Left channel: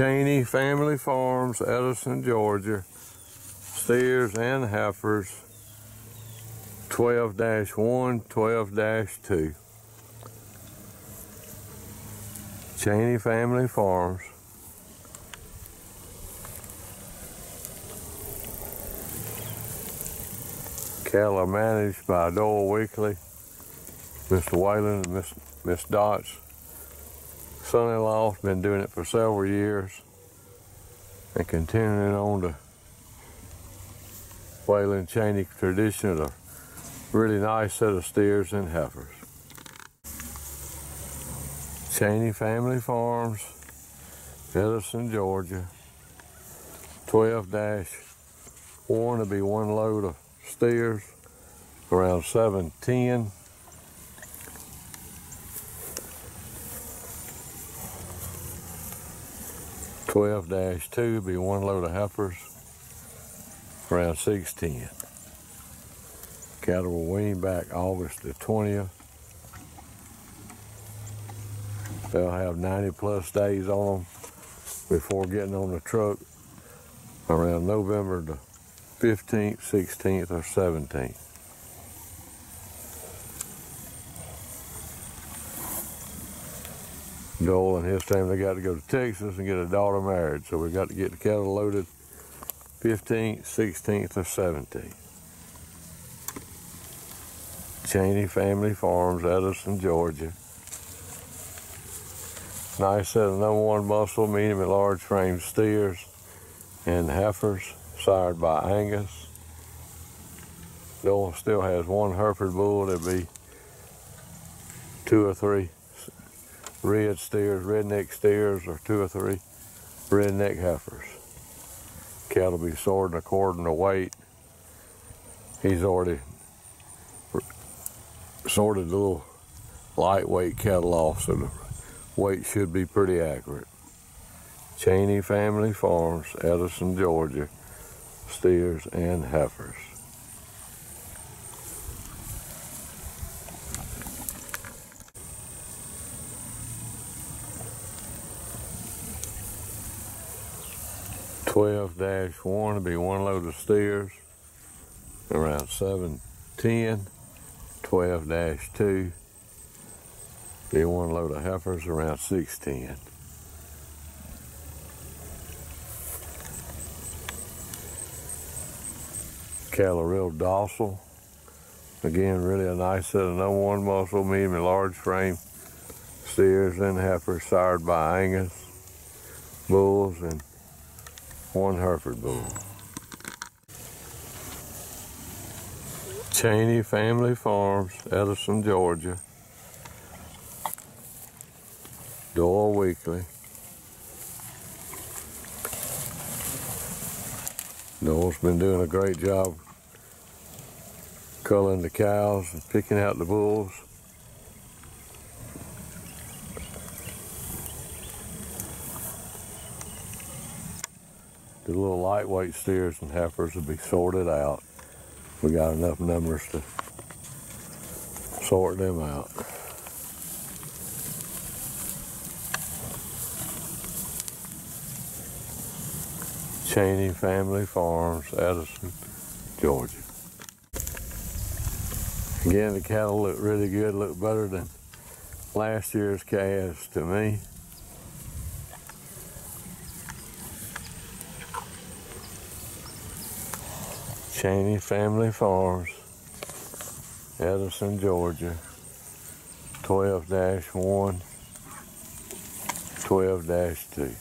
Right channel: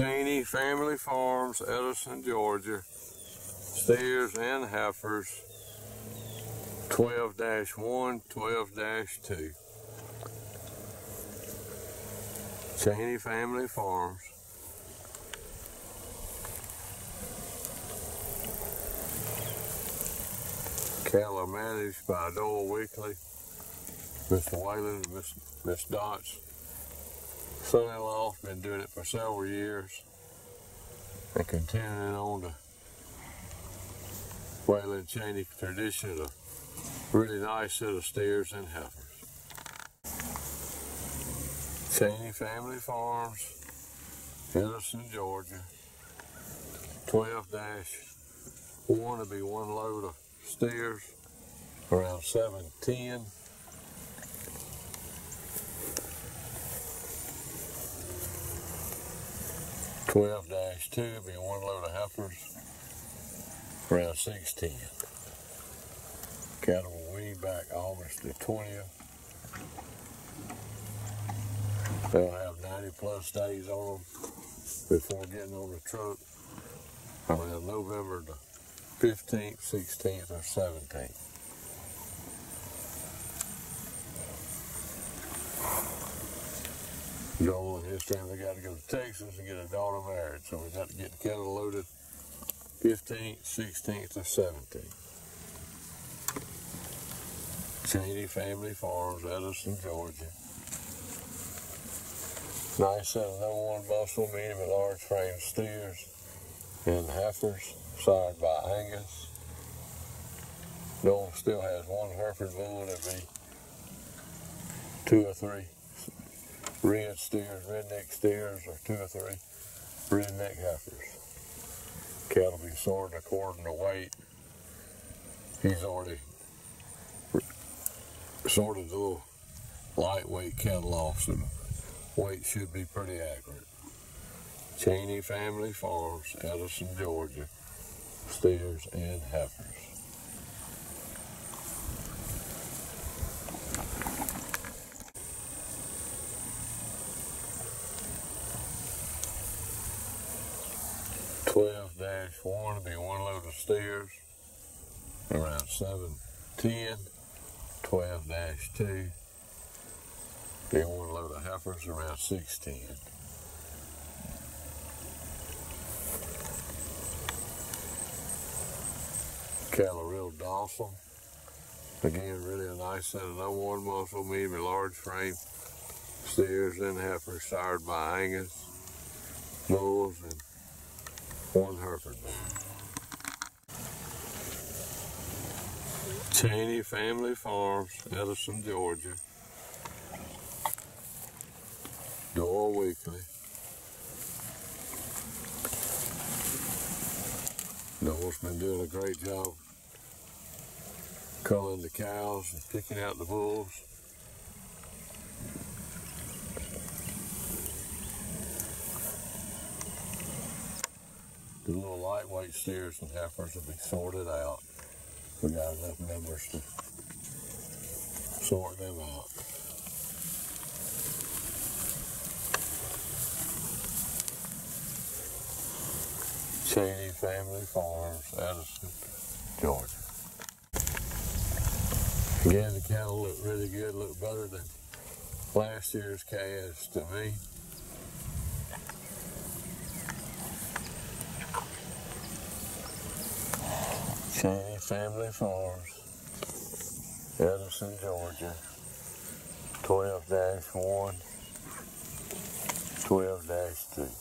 CHENEY Family Farms, Edison, Georgia. Steers and heifers, 12-1, 12-2. CHENEY Family Farms. Cattle are managed by Doyle Weekly, Mr. Whalen and Miss Dot's son-in-law. Has been doing it for several years and continuing on to Whalen CHENEY tradition of a really nice set of steers and heifers. CHENEY Family Farms, Edison, Georgia. 12-1 to be one load of steers, around 7:10. (12-2) be one load of heifers, around 6:10. Cattle will wean back August the 20th. They'll have 90+ days on them before getting on the truck around November the 15th, 16th, or 17th. Joel and his family got to go to Texas and get a daughter married, so we got to get the cattle loaded 15th, 16th, or 17th. CHENEY Family Farms, Edison, Georgia. Nice set of #1 muscle, medium and large frame steers and heifers, sired by Angus. Joel still has one Hereford bull. There'll be 2 or 3 red steers, redneck steers, or 2 or 3 redneck heifers. Cattle be sorted according to weight. He's already sorted the little lightweight cattle off, so the weight should be pretty accurate. CHENEY Family Farms, Edison, Georgia. Steers and heifers. (12-1) to be one load of steers, around 7:10. (12-2) be one load of heifers, around 6:10. Cattle are real docile. Again, really a nice set of #1 muscle, medium and large frame steers and heifers, sired by Angus bulls and 1 Hereford bull. CHENEY Family Farms, Edison, Georgia. Doyle Weekly. Doyle's been doing a great job culling the cows and picking out the bulls. The little lightweight steers and heifers will be sorted out. We got enough numbers to sort them out. CHENEY Family Farms, Edison, Georgia. Again, the cattle look really good, look better than last year's calves to me. CHENEY Family Farms, Edison, Georgia. 12-1, 12-2.